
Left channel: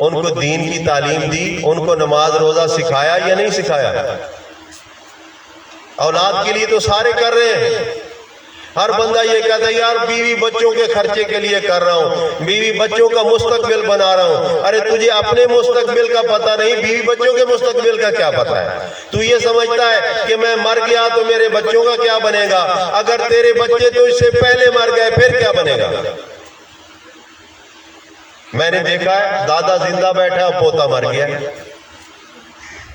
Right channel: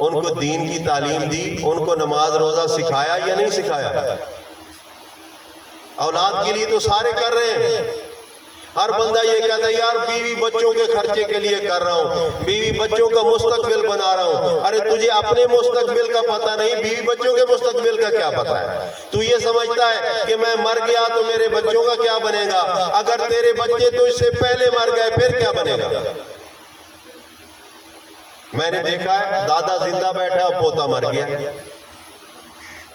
ان کو دین کی تعلیم دی، ان کو نماز روزہ سکھایا یا نہیں سکھایا؟ اولاد کے لیے تو سارے کر رہے ہیں۔ ہر بندہ یہ کہتا ہے یار بیوی بچوں کے خرچے کے لیے کر رہا ہوں، بیوی بچوں کا مستقبل بنا رہا ہوں۔ ارے تجھے اپنے مستقبل کا پتہ نہیں، بیوی بچوں کے مستقبل کا کیا پتہ ہے؟ تو یہ سمجھتا ہے کہ میں مر گیا تو میرے بچوں کا کیا بنے گا؟ اگر تیرے بچے تو اس سے پہلے مر گئے پھر کیا بنے گا؟ میں نے دیکھا ہے دادا زندہ بیٹھا پوتا مر گیا،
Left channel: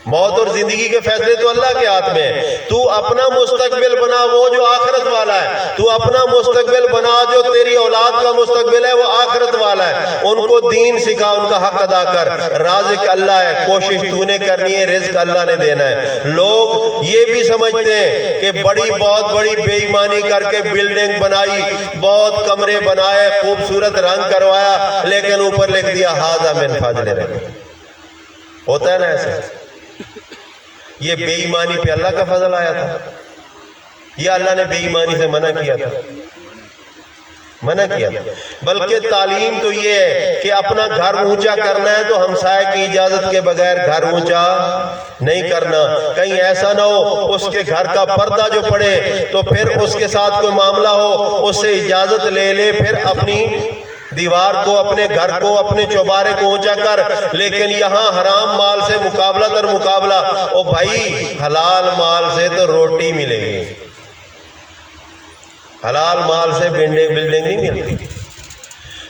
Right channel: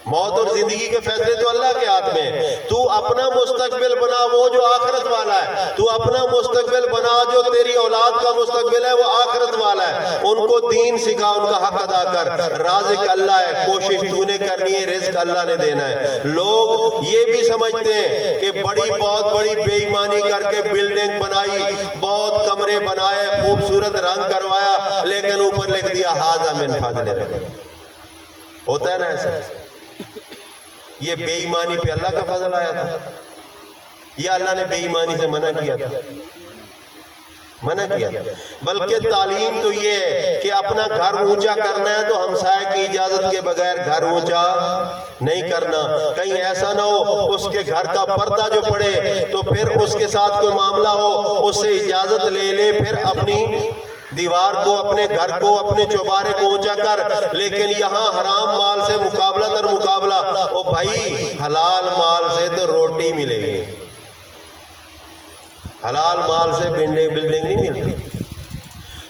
موت اور زندگی کے فیصلے تو اللہ کے ہاتھ میں ہے. تو اپنا مستقبل بنا وہ جو آخرت والا ہے. تو اپنا مستقبل بنا جو تیری اولاد کا مستقبل ہے وہ آخرت والا ہے. ان کو دین سکھا, ان کا حق ادا کر. رازق اللہ ہے, کوشش تو نے کرنی ہے, رزق اللہ نے دینا ہے. لوگ یہ بھی سمجھتے ہیں کہ بہت بڑی بے ایمانی کر کے بلڈنگ بنائی, بہت کمرے بنائے, خوبصورت رنگ کروایا, لیکن اوپر لکھ دیا ھذا من فضل اللہ. ہوتا ہے نا ایسا؟ یہ بے ایمانی پہ اللہ کا فضل آیا تھا, یا اللہ نے بے ایمانی سے منع کیا تھا؟ منع کیا. بلکہ تعلیم تو یہ ہے کہ اپنا گھر اونچا کرنا ہے تو ہمسائے کی اجازت کے بغیر گھر اونچا نہیں کرنا. کہیں ایسا نہ ہو اس کے گھر کا پردہ جو پڑے تو پھر اس کے ساتھ کوئی معاملہ ہو, اس سے اجازت لے لے, پھر اپنی دیوار کو, اپنے گھر کو, اپنے چوبارے کو اونچا کر. لیکن یہاں حرام مال سے مقابلہ در مقابلہ. او بھائی حلال مال سے تو روٹی ملے گی, حلال مال سے بلڈنگ نہیں ملتی.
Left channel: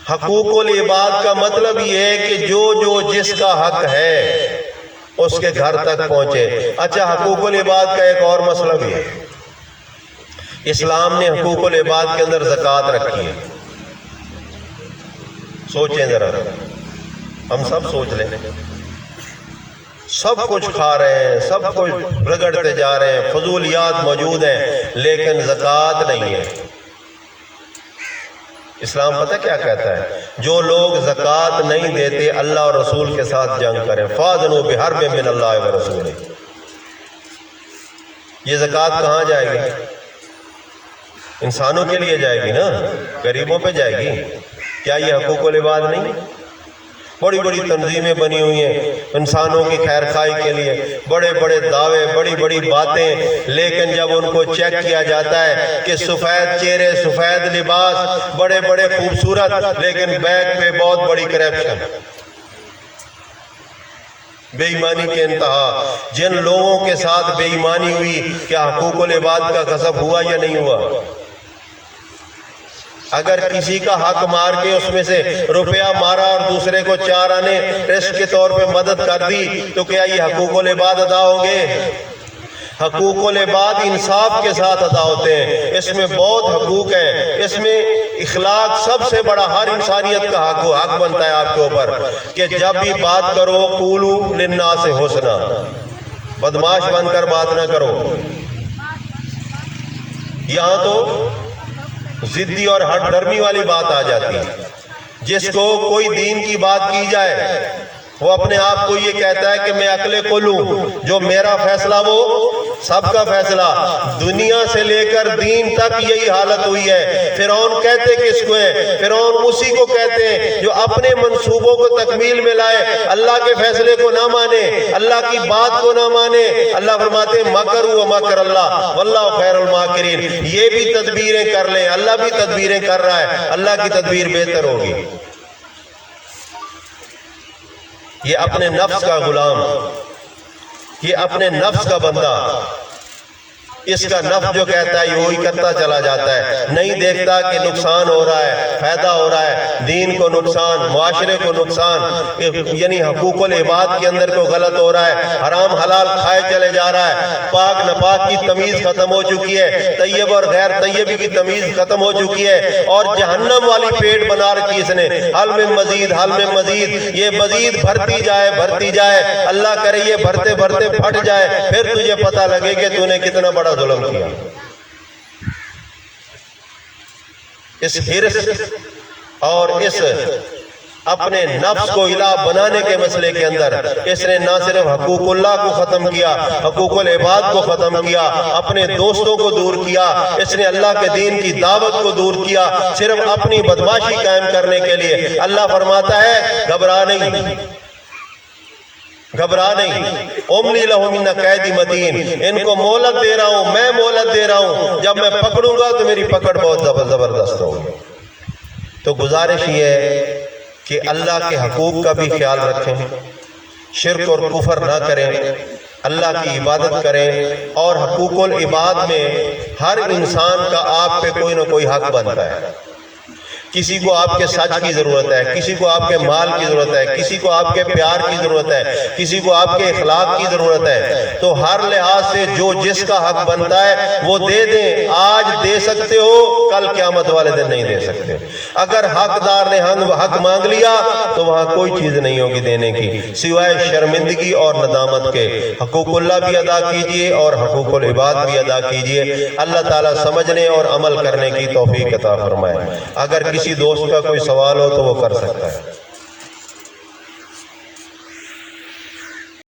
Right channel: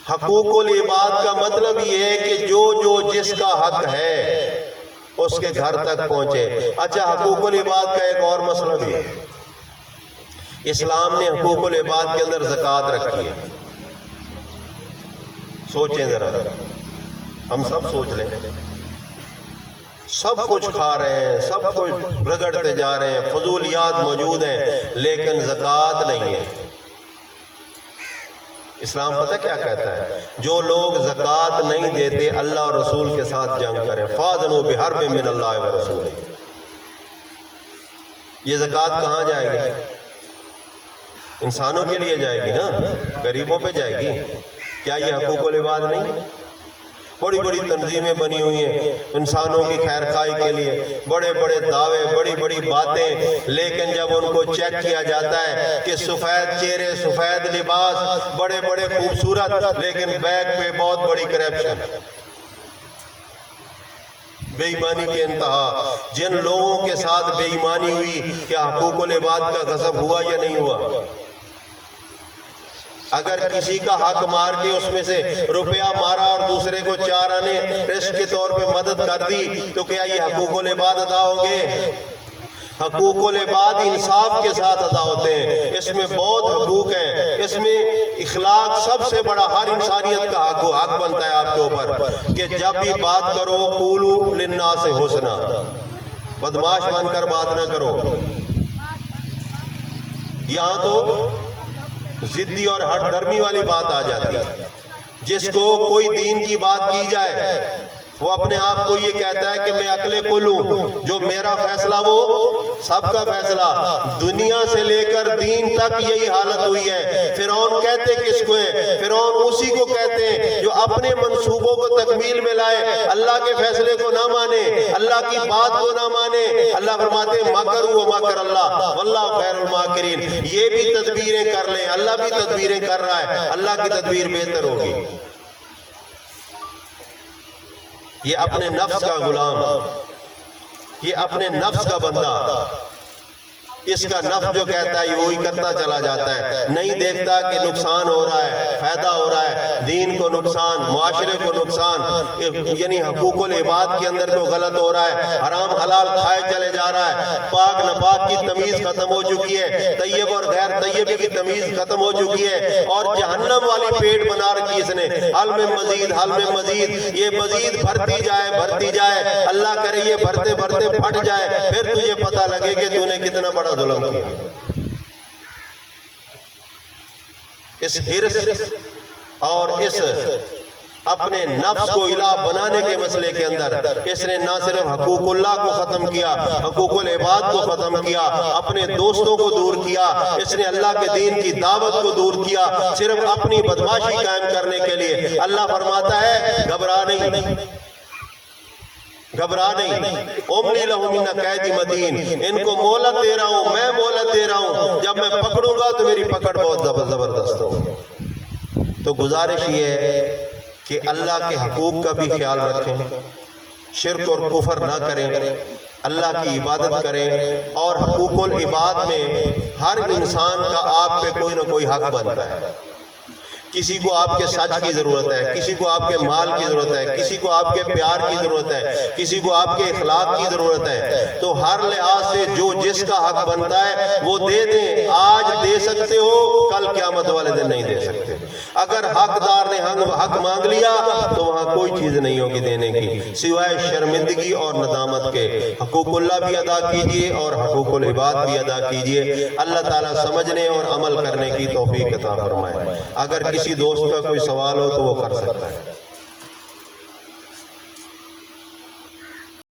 حقوق العباد کا مطلب یہ ہے کہ جو جس کا حق ہے اس کے گھر تک پہنچے. اچھا, حقوق العباد کا ایک اور مسئلہ بھی ہے. اسلام نے حقوق العباد کے اندر زکوٰۃ رکھی ہے. سوچیں ذرا, ہم سب سوچ لیں. سب کچھ کھا رہے ہیں, سب کچھ رگڑتے جا رہے ہیں, فضولیات موجود ہیں, لیکن زکوٰۃ نہیں ہے. اسلام پتہ کیا کہتا ہے؟ جو لوگ زکوٰۃ نہیں دیتے اللہ اور رسول کے ساتھ جنگ کریں. فَأْذَنُوا بِحَرْبٍ مِّنَ اللَّهِ وَرَسُولِهِ. یہ زکوٰۃ کہاں جائے گی؟ انسانوں کے لیے جائے گی نا, غریبوں پہ جائے گی. کیا یہ حقوق العباد نہیں؟ بڑی بڑی تنظیمیں بنی ہوئی ہیں انسانوں کی خیر خواہی کے لیے, بڑے بڑے دعوے, بڑی بڑی باتیں, لیکن جب ان کو چیک کیا جاتا ہے کہ سفید چہرے, سفید لباس, بڑے بڑے خوبصورت, لیکن بیک پہ بہت بڑی کرپشن, بے ایمانی کے انتہا. جن لوگوں کے ساتھ بے ایمانی ہوئی, کیا حقوق العباد کا غصب ہوا یا نہیں ہوا؟ اگر کسی کا حق مار کے اس میں سے روپیہ مارا اور دوسرے کو 4 آنے رشک کے طور پہ مدد کر دی, تو کیا یہ حقوق العباد ادا ہوں گے؟ حقوق العباد انصاف کے ساتھ ادا ہوتے ہیں. اس میں بہت حقوق ہیں. اس میں اخلاق سب سے بڑا, ہر انسانیت کا حق بنتا ہے آپ کے اوپر کہ جب بھی بات کرو قولوا للناس حسنا, بدماش بن کر بات نہ کرو. یہاں تو ضدی اور ہٹ درمی والی بات آ جاتی ہے. جس کو کوئی دین کی بات کی جائے وہ اپنے آپ کو یہ کہتا ہے کہ میں عقل کل ہوں, جو میرا فیصلہ وہ سب کا فیصلہ. دنیا سے لے کر دین تک یہی حالت ہوئی ہے. فرعون کہتے کس کو ہے؟ فرعون اسی کو کہتے ہیں جو اپنے منصوبوں کو تکمیل میں لائے, اللہ کے فیصلے کو نہ مانے, اللہ کی بات کو نہ مانے. اللہ فرماتے ہیں مکروا ومکر اللہ واللہ خیر الماکرین. یہ بھی تدبیریں کر لیں, اللہ بھی تدبیریں کر رہا ہے, اللہ کی تدبیر بہتر ہوگی. یہ اپنے نفس کا غلام, یہ اپنے نفس کا بندہ, اس کا نفس جو کہتا ہے وہی کرتا چلا جاتا ہے. نہیں دیکھتا کہ نقصان ہو رہا ہے, فائدہ ہو رہا ہے, دین کو نقصان, معاشرے کو نقصان, یعنی حقوق العباد کے اندر کو غلط ہو رہا ہے, حرام حلال کھائے چلے جا رہا ہے, پاک نپاک کی تمیز ختم ہو چکی ہے, طیب اور غیر طیب کی تمیز ختم ہو چکی ہے, اور جہنم والی پیٹ بنا رکھی اس نے. حل میں مزید, حل میں مزید, یہ مزید بھرتی جائے, بھرتی جائے. اللہ کرے یہ بھرتے بھرتے پھٹ جائے, پھر تجھے پتہ لگے کہ تو نے کتنا بڑا ظلم کیا. اس حرص اور اس اپنے نفس کو الہ بنانے کے مسئلے کے اندر اس نے نہ صرف حقوق اللہ کو ختم کیا, حقوق العباد کو ختم کیا, اپنے دوستوں کو دور کیا, اس نے اللہ کے دین کی دعوت کو دور کیا, صرف اپنی بدماشی قائم کرنے کے لیے. اللہ فرماتا ہے گھبرا نہیں, گھبرا نہیں. املی لہم ان قیدی متین, ان کو مہلت دے رہا ہوں, میں مہلت دے رہا ہوں, جب میں پکڑوں گا تو میری پکڑ بہت زبردست ہوگی. تو گزارش یہ ہے کہ اللہ کے حقوق کا بھی خیال رکھیں, شرک اور کفر نہ کریں, اللہ کی عبادت کریں. اور حقوق العباد میں ہر انسان کا آپ پہ کوئی نہ کوئی حق بنتا ہے. کسی کو آپ کے سچ کی ضرورت ہے، کسی کو آپ کے مال کی ضرورت ہے، کسی کو آپ کے پیار کی ضرورت ہے، کسی کو آپ کے اخلاق کی ضرورت ہے، تو ہر لحاظ سے جو جس کا حق بنتا ہے وہ دے دیں۔ آج دے سکتے ہو، کل قیامت والے دن نہیں دے سکتے۔ اگر حقدار نے حق مانگ لیا تو وہاں کوئی چیز نہیں ہوگی دینے کی سوائے شرمندگی اور ندامت کے۔ حقوق اللہ بھی ادا کیجئے اور حقوق العباد بھی ادا کیجئے۔ اللہ تعالیٰ سمجھنے اور عمل کرنے کی توفیق عطا فرمائے۔ اگر کسی دوست کا کوئی سوال ہو تو وہ کر سکتا ہے۔